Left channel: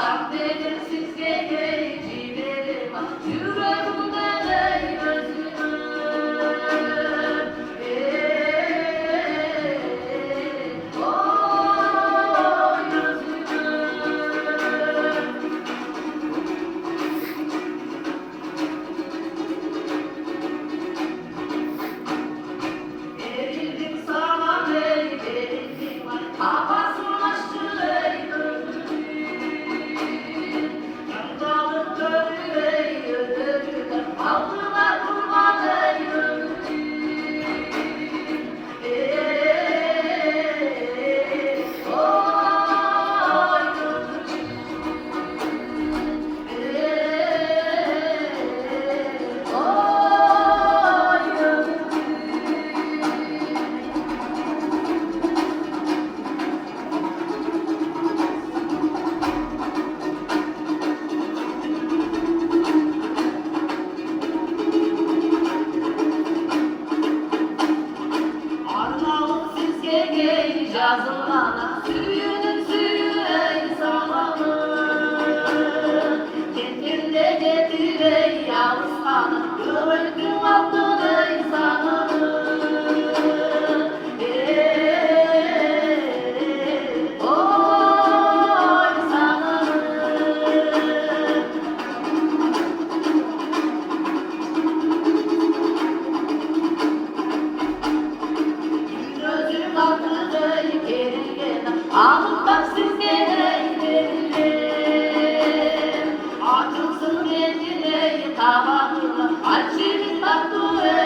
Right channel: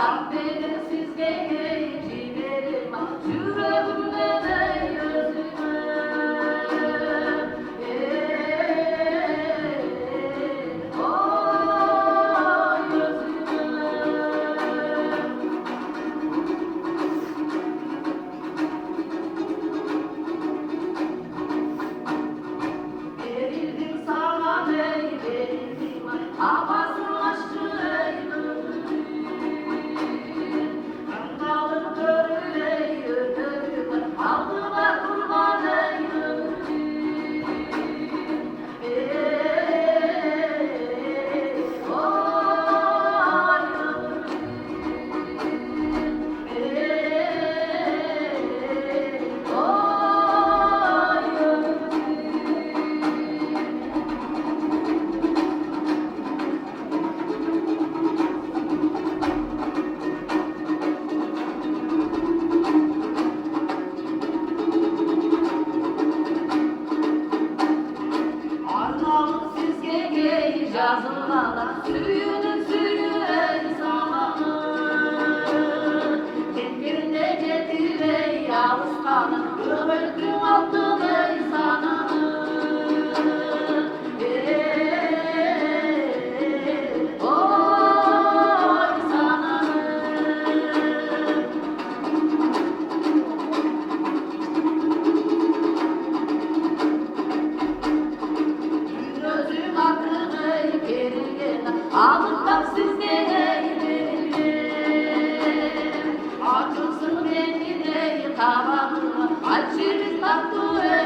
Kahverensiz gecelerim yüreğimden ey gözüme. Oy gözüme. Verildim sana ey verildim havasını açtı ey gözüm. Yandalık gönül ey ödülüm aldılar kurban ey ömrüm. Oy Arnavut sizge yazılana suyunun suyu ey zamanı. Kendinde getir ey yalıskanı kıvırcın altın ey sananı. Oy sananı. Gözüm aklı ey geride anıttan sizge ey veririm. Acımsın kendine tabağına açırın tatlı ey